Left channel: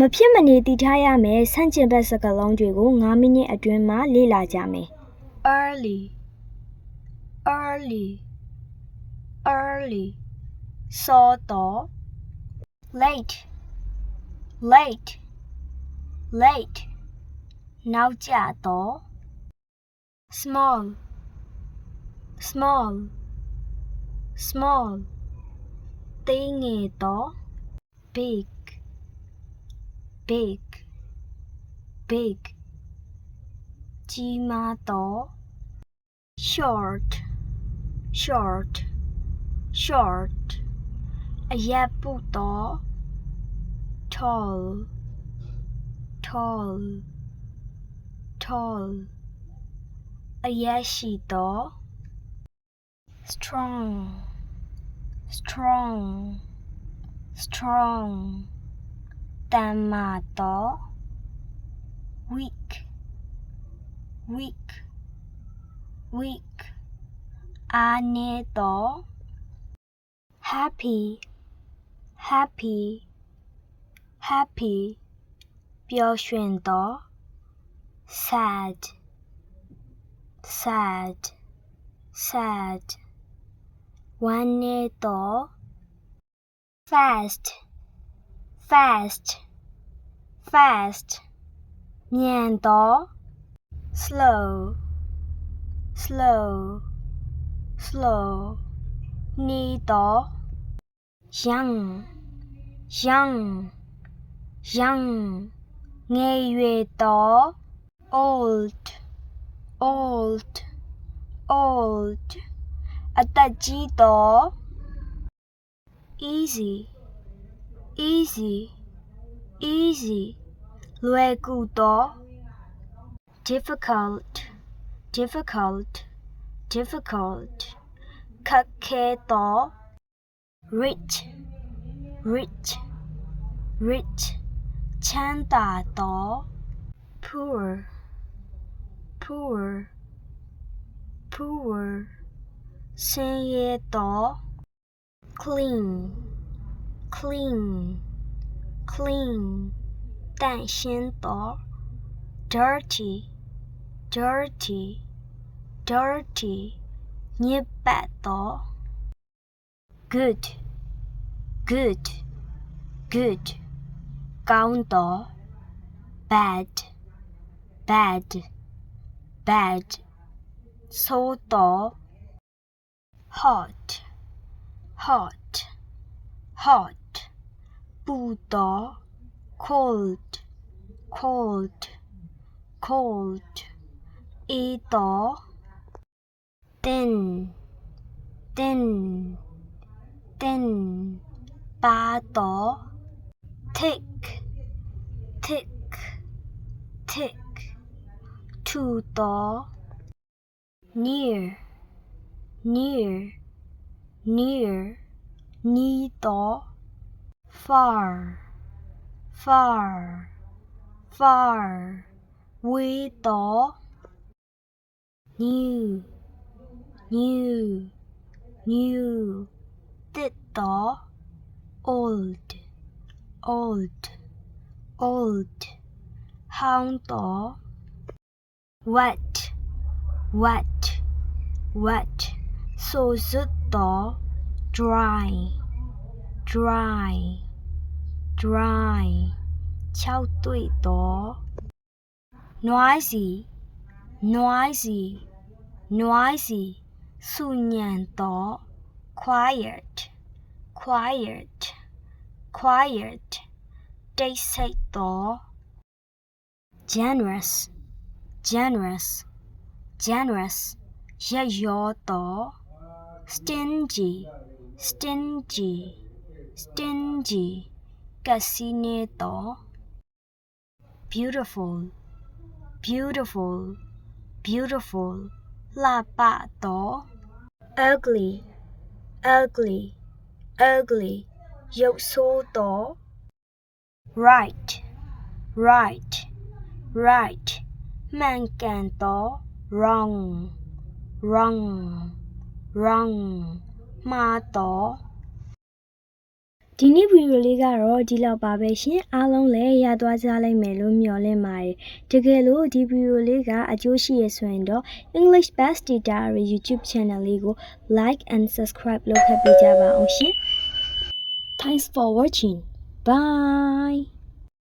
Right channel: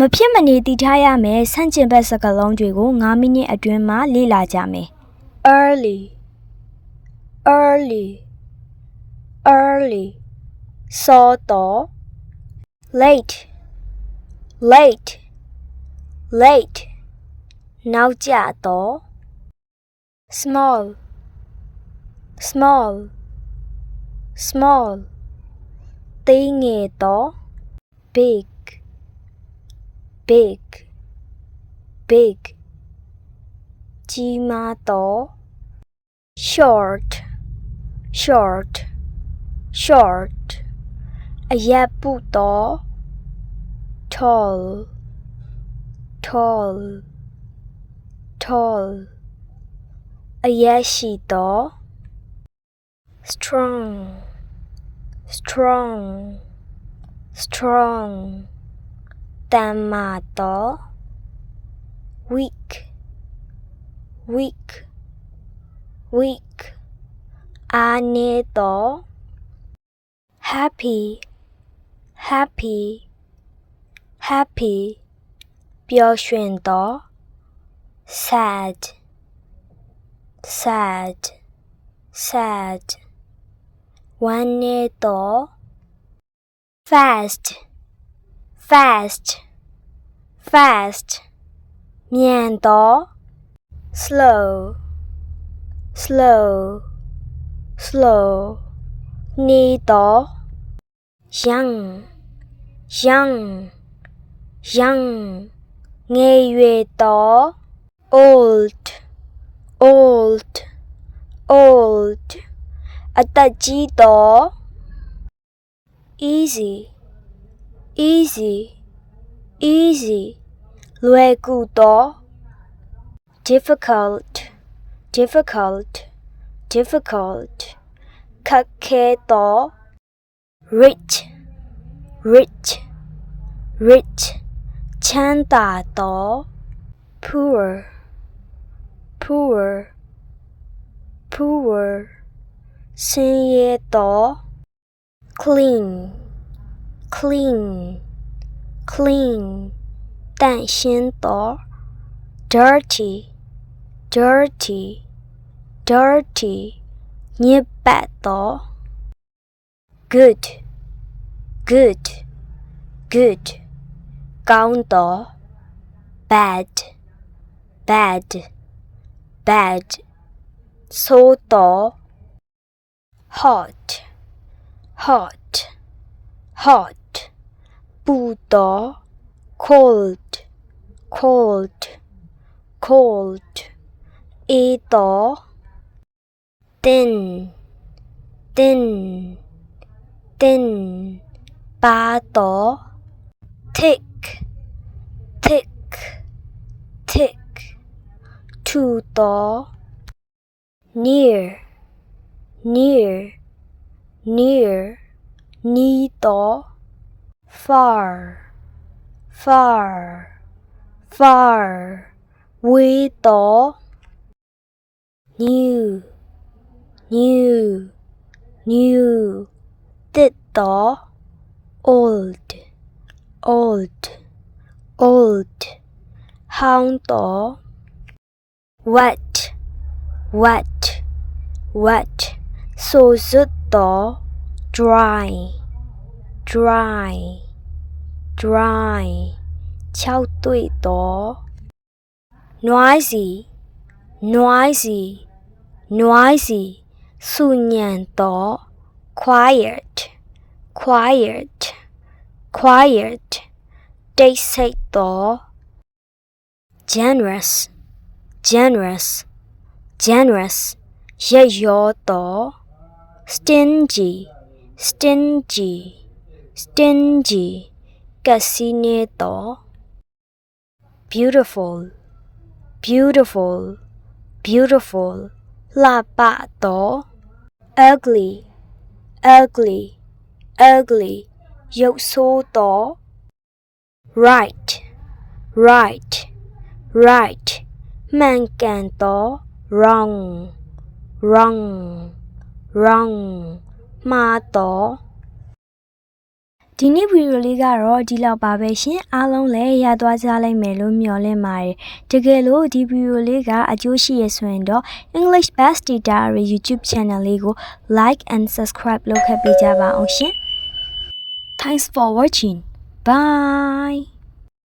မဖြစ်မနေတည်ထားရမယ်ဆန့်ကျင်ဘက်စကားလုံးတွေကို9မိနစ်အတွင်းမှာလေ့လာကြမယ် early early early စောတော့ late late late နောက်ကျတော့ small small small သေးငယ်တော့ big big big ကြီးမားတော့ short short short အရပ်ပုတော့ tall tall tall အရက်ရှိတော့ strong strong strong တမ်းမာတော့ weak weak weak အားနည်းတော့ happy happy happy ပျော်ရွှင်တော့ sad sad sad ဝမ်းနည်းတော့ fast fast, fast, 免得 slow, slow, slow, 你多. Young, young, young, 你的想想想，爱越多 old, old, old, 啊，大几多 easy。easy easy လွယ်ကူတော့ difficult difficult difficult ခက်ခဲတော့ rich rich rich ချမ်းသာတော့ poor poor poor ဆင်းရဲတော့ clean clean, clean 但先夺，dirty, dirty, dirty dirty. 你白夺，good, good, good good. 刚夺，bad, bad, bad 粗夺，hot, hot, hot Buddha cold, cold, cold, ito, thin, thin, thin, pato, tick, tick, tick, tuto, near, near, near, nito, far, far, far, we do, new, new, new, did do, old, old, old, hound do, wet, wet, wet, so dry, dry dry ခြောက်သွေ့တော့ noisy noisy noisy ဆူညံတော့ quiet quiet quiet တိတ်ဆိတ်တော့ generous generous generous ရက်ရောတော့ stingy stingy stingy kasi nito? Beautiful, beautiful, beautiful. ba to? Ugly, ugly, ugly. yo so to? Right, right, right. Man can to? Wrong, wrong, wrong. Ma to? ဒီနေ့ဗီဒီယိုလေးကတော့ဒီလောက်ပါပဲရှင်အားလုံးလည်းရသွားကြလိမ့်မယ်လို့မျှော်လင့်ပါတယ်တကယ်လို့ဒီဗီဒီယိုလေးကအကျိုးရှိရဆိုရင်တော့ English Best Data YouTube channel လေးကို like and subscribe လုပ်ခဲ့ပေးကြပါအောင်ရှင် Thanks for watching bye